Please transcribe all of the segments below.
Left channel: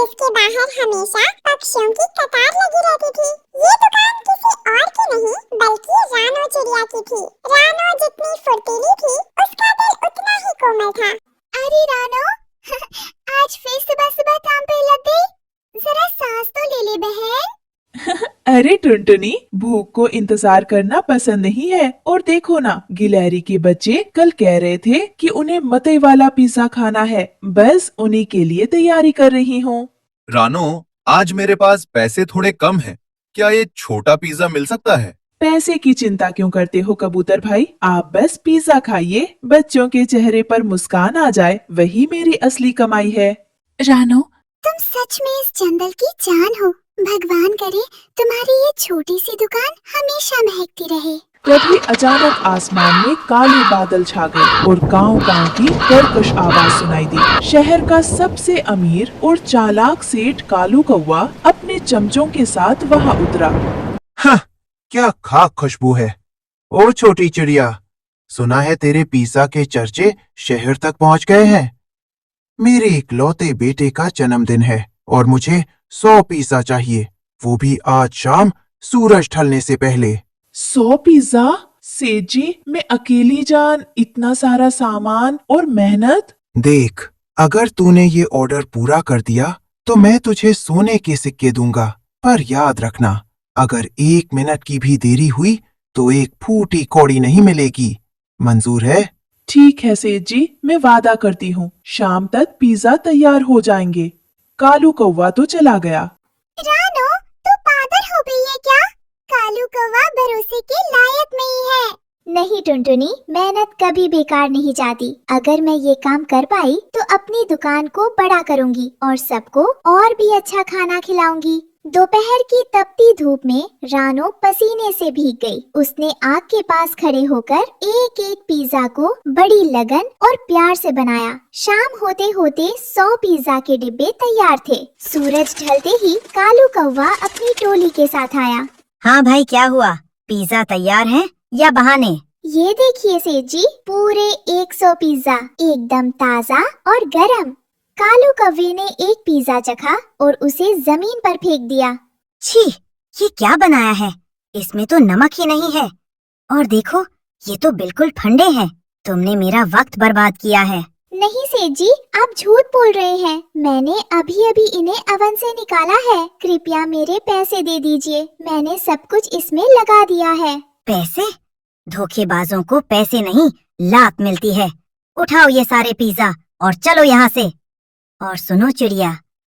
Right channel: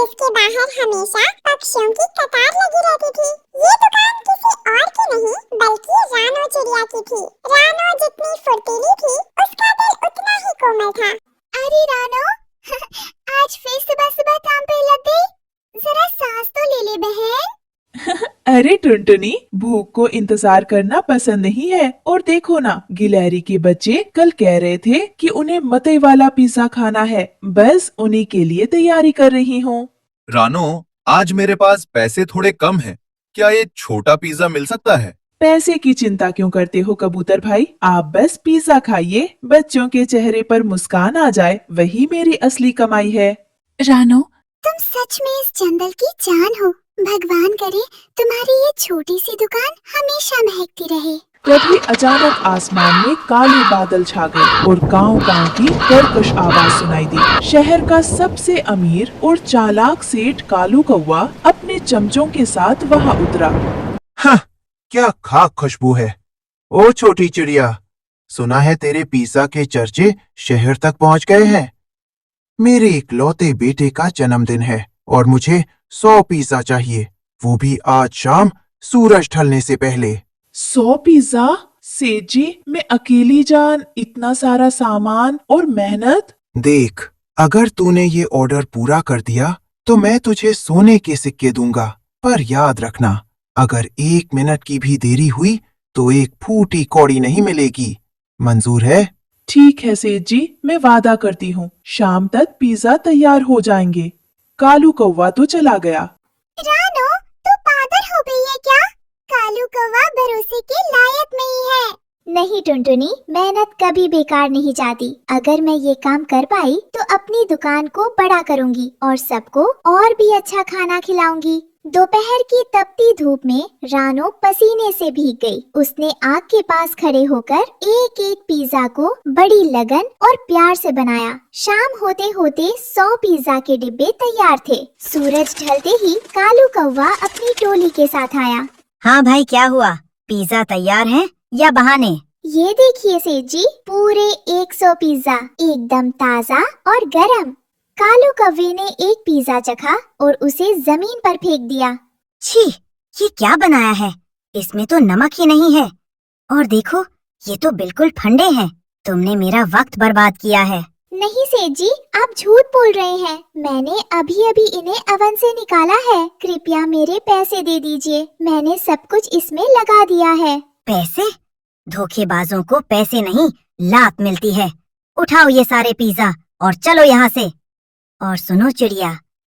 जिसके बाहर हमेशा पक्षियों की कतार लगी रहती थी। ये दुकान किसी और की नहीं बल्कि रानो चिड़िया की थी। रानो जितनी फुर्तीली थी उसका दिल उतना ही कोमल था। अरे रानो आज फिर सुबह सुबह काम पे लग गई, जरा सांस तो ले ले बहन। अरे टुनटुनी, भूख को इंतजार करना पसंद नहीं है। और देखो ना, गिलहरी के बच्चे कल कह रहे थे कि उन्हें मकई वाला पिज्जा खाना है। बस उन्हीं के लिए तैयारी कर रही हूँ। रानो, आज मेरे पास पैसे थोड़े कम हैं। क्या ये छोटा पिज्जा मिल सकता है? पैसे की चिंता क्यों करते हो कबूतर भाई, आप बस पिज्जा खाइए। बच्चों के चेहरे पर मुस्कान आ जाए, वही मेरी असली कमाई है। रानो, तुम सच में इस जंगल की जान हो। भगवान करे तुम्हारी ये छोटी सी दुकान हमेशा महकती रहे। तभी अचानक आसमान में काले बादल छा गए और कांव की कर्कश आवाज सुनाई दी। शहर का सबसे अमीर और चालाक सेठ कालू कौवा अपने चमचों के साथ वहां उतरा। हाँ, क्या खाक खुशबू है। ओ छोटी चिड़िया, सुना है तेरे पिज्जा के चर्चे शहर तक पहुंच गए हैं। मेरे इकलौते बेटे का जन्मदिन है और मुझे 100 पिज्जा चाहिए, वो भी आज शाम सूरज ढलने से पहले। 100 पिज्जा? सेठ जी, मैं अकेली जान, इतना सारा सामान और मेहनत। देख, अगर तूने ये ऑर्डर पूरा कर दिया तो मैं तुझे सोने के सिक्के दूंगा, पर याद रखना, अगर 1 मिनट की भी देरी हुई तो एक फूटी कौड़ी नहीं मिलेगी। मंजूर है? ठीक है सेठ जी, मैं वादा करती हूँ, शाम तक पिज्जा तैयार हो जाएंगे। कालू कौवा तो चला गया। रानो, तू पागल हो गई है क्या? कालू कौवा भरोसे के लायक नहीं है। नहीं टुनटुनी, मेहनत कभी बेकार नहीं जाती। अगर मैं ये काम कर पाई तो अपनी दुकान को बड़ा करूंगी और सबको और भी अच्छा खाना खिलाऊंगी। दोपहर की तपती धूप में रानो पसीने से भीग गई। उसने आग के पास खड़े होकर एक एक पिज्जा को बड़ी लगन और प्यार से बनाया। शाम होते होते 100 पिज्जा के डिब्बे तैयार थे। सूरज ढलते ही कालू कौवा अपनी टोली के साथ आया। हाँ भाई, क्या हुआ? पिज्जा तैयार है या बहाने? ये देखिए सेठ जी, पूरे 100 पिज्जा, एकदम ताज़ा और गरम। कालू कौवे ने एक पिज्जा चखा और उसे जमीन पर फेंक दिया। छी, ये क्या बनाया है? इसमें तो नमक ही नहीं है। और देखो, ये तो बिल्कुल ठंडे हैं। तुमने मेरा वक्त बर्बाद किया है। नहीं सेठ जी, आप झूठ बोल रहे हैं। मैंने अभी अभी इन्हें अवन से निकाला है। कृपया मेरे पैसे दे दीजिए, मैंने सब कुछ इसमें लगा दिया है। पैसे? धोखेबाजों को पैसे नहीं, लात मिलती है। उठाओ ये सारे पिज्जा और चलो यहाँ से। और सुनो चिड़िया,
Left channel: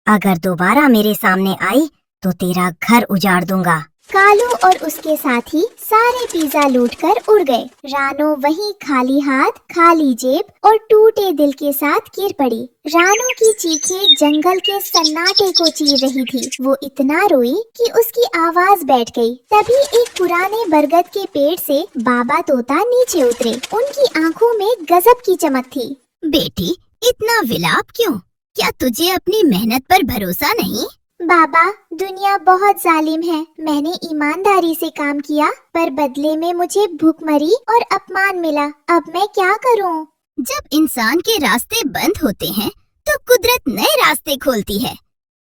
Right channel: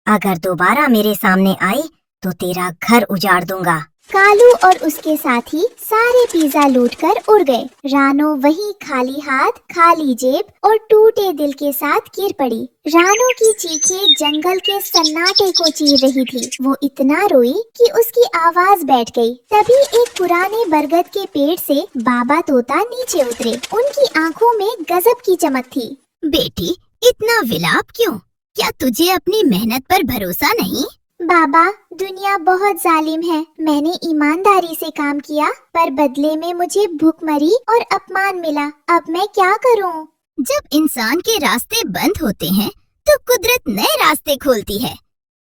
अगर दोबारा मेरे सामने आई तो तेरा घर उजाड़ दूंगा। कालू और उसके साथी सारे पिज्जा लूटकर उड़ गए। रानो वहीं खाली हाथ, खाली जेब और टूटे दिल के साथ गिर पड़ी। रानो की चीखें जंगल के सन्नाटे को चीर रही थी। वो इतना रोई कि उसकी आवाज बैठ गई। तभी एक पुराने बरगद के पेड़ से बाबा तोता नीचे उतरे। उनकी आंखों में गजब की चमक थी। बेटी, इतना विलाप क्यों? क्या तुझे अपनी मेहनत पर भरोसा नहीं? बाबा, दुनिया बहुत जालिम है। मैंने ईमानदारी से काम किया, पर बदले में मुझे भूखमरी और अपमान मिला। अब मैं क्या करूं? जब इंसान के रास्ते बंद होते हैं तो कुदरत नए रास्ते खोलती है।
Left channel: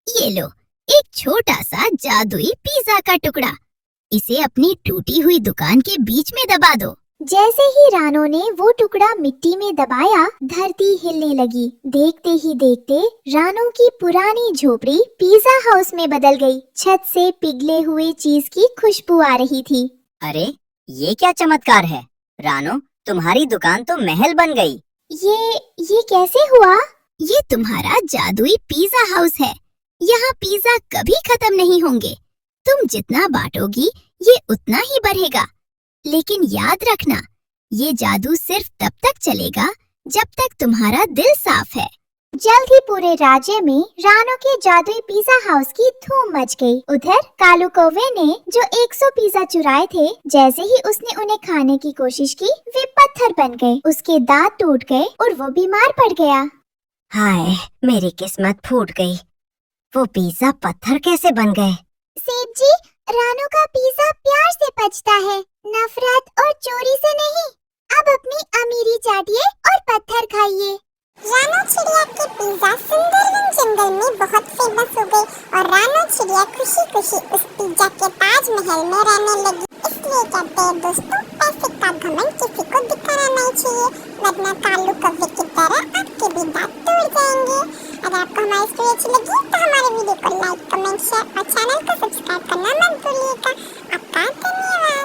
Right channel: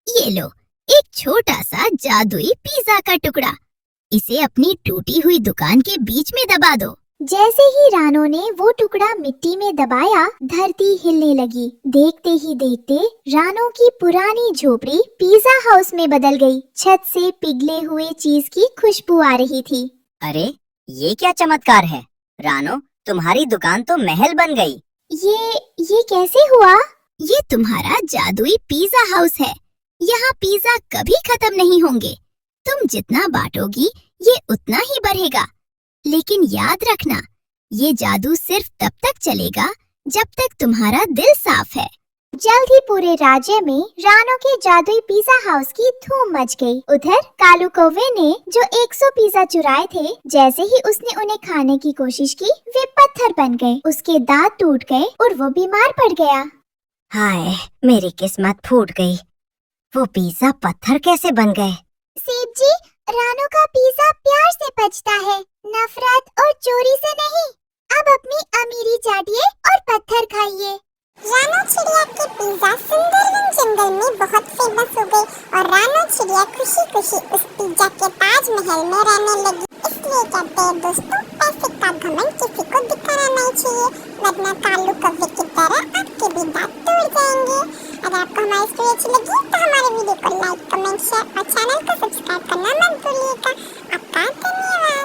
ये लो, एक छोटा सा जादुई पिज्जा का टुकड़ा। इसे अपनी टूटी हुई दुकान के बीच में दबा दो। जैसे ही रानो ने वो टुकड़ा मिट्टी में दबाया, धरती हिलने लगी। देखते ही देखते रानो की पुरानी झोपड़ी पिज्जा हाउस में बदल गई। छत से पिघले हुए चीज की खुशबू आ रही थी। अरे, ये क्या चमत्कार है? रानो, तुम्हारी दुकान तो महल बन गई। ये कैसे हुआ? ये तुम्हारा जादुई पिज्जा हाउस है। यहाँ पिज्जा कभी खत्म नहीं होंगे। तुम जितना बांटोगी ये उतना ही बढ़ेगा। लेकिन याद रखना, ये जादू सिर्फ तब तक चलेगा जब तक तुम्हारा दिल साफ है। जल्द ही पूरे राज्य में रानो के जादुई पिज्जा हाउस की धूम मच गई। उधर कालू कौवे ने जो 100 पिज्जा चुराए थे, जैसे ही उसने उन्हें खाने की कोशिश की, वे पत्थर बन गए। उसके दांत टूट गए और वो बीमार पड़ गया। हाय, मेरी किस्मत फूट गई। वो पिज्जा पत्थर कैसे बन गए? सेठ जी, रानो का पिज्जा प्यार से पचता है, नफरत और चोरी से नहीं। अब अपनी अमीरी चाटिए और पत्थर खाइए। रानो चिड़िया के पिज्जा सुंदरवन जंगल में बहुत फेमस और रानू चिड़िया खुशी खुशी उस पिज्जा के ताजमहल में रहने लगी। इसलिए कहते हैं दोस्तों, पैसे का घमंड किसी को दिखाना नहीं चाहिए, वरना कालू कौवे की तरह आपके भी दांत टूट जाएंगे। अगर आपको हमारी स्टोरी अच्छी लगी तो हमारे वीडियो को लाइक, कमेंट, शेयर और चैनल को सब्सक्राइब करना मत भूलिएगा। आपका धन्यवाद।